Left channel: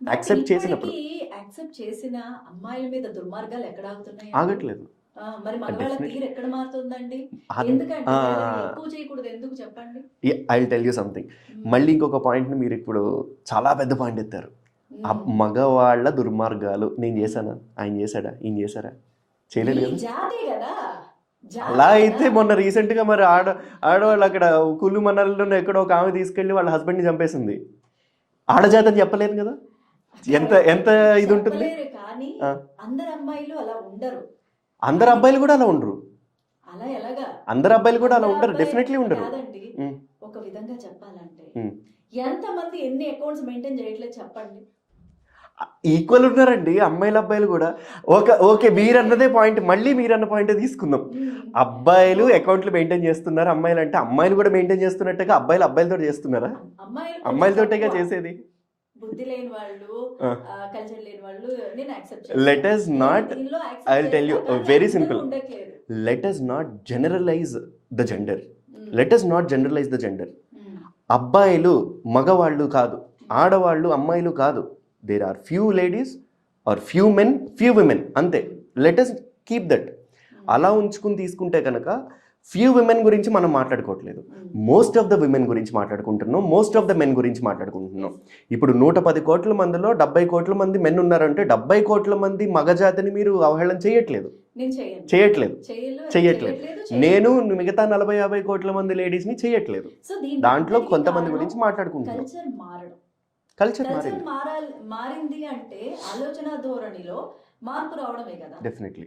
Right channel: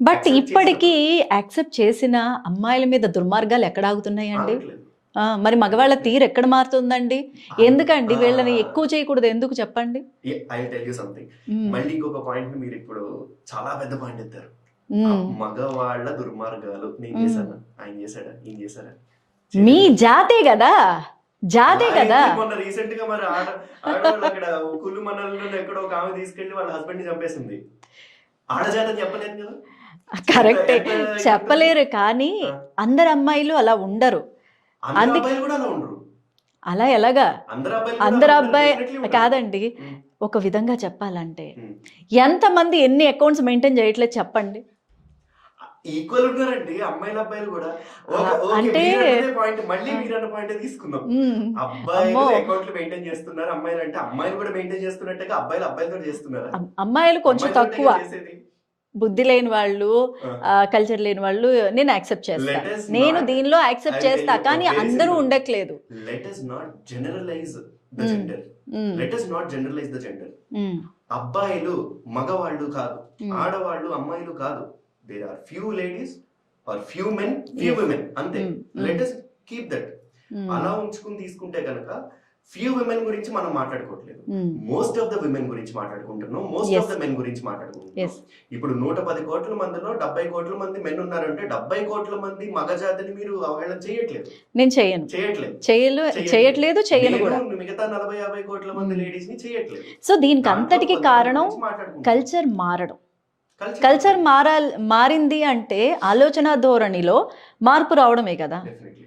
But accept ఇప్పటికీ చేసినప్పుడు accept చేసిన అమ్మాయిల మీద దుర్మార్గాలు ఎక్కడ ఆగుతున్నాయండి? ఆగట్లేదు. మరి మగవాళ్ళ డెఫినెట్ తీరు ఎక్కడ మారుతుందండి? అన్ ఎందుకండి ఆ! వీళ్ళని ఎక్కువ చేయకూడదు ఎందుకు చెప్పండి? I will tell you something. హ్మ్. మళ్ళీ ఇంకొక పాయింట్‌ని మీరిప్పుడు చాలా పెద్ద పాయింట్ ఎత్తారు. హ్మ్. మగవాళ్ళ దుర్మార్గాలు. నేను హ్మ్. చేశానా? ఆయన చేశాడా? ఈయన చేశారా? మీ చేయలేదు కదా! జాతే గదా! అలా జాతే కదా! అయితే మొన్న రీసెంట్‌గా మరి ఆడవాళ్ళు అక్కడ కుల్లు మనాలిలోనే ఎక్కడో ఒక ఆమె తీసుకెళ్ళి వాళ్ళ హస్బెండ్‌ని చంపేసింది. ఆడజాతని చెప్పలేరు కదా! ఎంత కరెక్టే. ఎంత ఇదుంటుంది? చెప్పలేరు కానీ ఆ! అందరు అమ్మాయిలు అలా ఉండరు. అందరు అందుకే అబ్బాయిలు కూడా అలా ఉండరు. అలా ఎలాగా? అందరు అబ్బాయిలు కూడా అలా అందరు ఉండరు. అబ్బాయి డెఫినెట్‌లీ ఉండరు. కాదండి. హ్మ్. ఒక విధంగా చెప్పాలంటే హ్మ్. ఎంతమంది ఎన్ని అకౌంట్స్ మెయింటైన్ చేయట్లేదు చెప్పండి? ఈక్వల్ ఉన్నారండి అమ్మాయిలు, అబ్బాయిలు కూడా. ఓకే. అంటే మీరన్నదే పాయింట్. మళ్ళీ ఆ! మీరన్న పాయింటే తీసుకుందాం. హ్మ్. అబ్బాయిలు అమ్మో! అకౌంట్‌లు మెయింటైన్ చేస్తున్నారు. అమ్మాయిలంటే అమ్మాయిలు కూడా మెయింటైన్ చేస్తున్నట్టుగా అబ్బాయిలు అబ్బాయిలతోటి చేస్తున్నారా? అమ్మాయిలు కొంచెం తక్కువ. అమ్మాయిలతోటేగా చేసేది. బుద్ధి లేని వాళ్ళు, ఆ! కల్చర్ లేని వాళ్ళు నేను యాక్సెప్ట్ చేస్తా. లెట్ అస్ నేను నాట్ దీనిలో ఐ యాక్సెప్ట్ విల్ టెల్ చేస్తా. యూ కానీ వెరీ అందరూ సింపుల్. ఉండట్లేదు. Let us not generalize the hmm. Gender. Hmm. Let us not generalize the gender. Hmm. అబ్బాయిలు మగవాళ్ళు కాదు. హ్మ్. ఆడవాళ్ళు అమ్మాయిలు కాదు. There are few ladies are few men, few yes. Women అంతే. Hmm. Let hmm. Us keep that. Hmm. అలా ఉంచుకుని తీసుకుంటే కనుక ఫ్యూ విమెన్ గురించి మనం మాట్లాడుకోవట్లేదు. హ్మ్. మోస్ట్ ఆఫ్ ద విమెన్ గురించి మాట్లాడుకుంటున్నాం. Most of yes. The men గురించి మాట్లాడుకుంటున్నాం. యెస్. ఇప్పుడు 110 కోట్ల మందిలో 70 కోట్ల మంది మెన్ ఉన్నారంటే 70 కోట్ల మంది మగజాతిని మీరు అవహేళన చేయట్లేదు. నేను చెయ్యను. చేయట్లేదు. చేయట్లేదు, చెయ్యను నేను కూడా. మిగతా 40, 50 కోట్ల మంది హ్మ్. లేడీస్‌ని చేయట్లేదు. సో దీనికి దాంట్లో అంతటికి కొంతమంది కారణం గురించి మాట్లాడుకుంటున్నాం. కల్చర్ మారడం. కల్చర్ కల్చర్ మారింది. మారింది అంటే ఆలోచన ధోరణిలో మార్పు రావడమే కదా! డెఫినెట్‌లీ.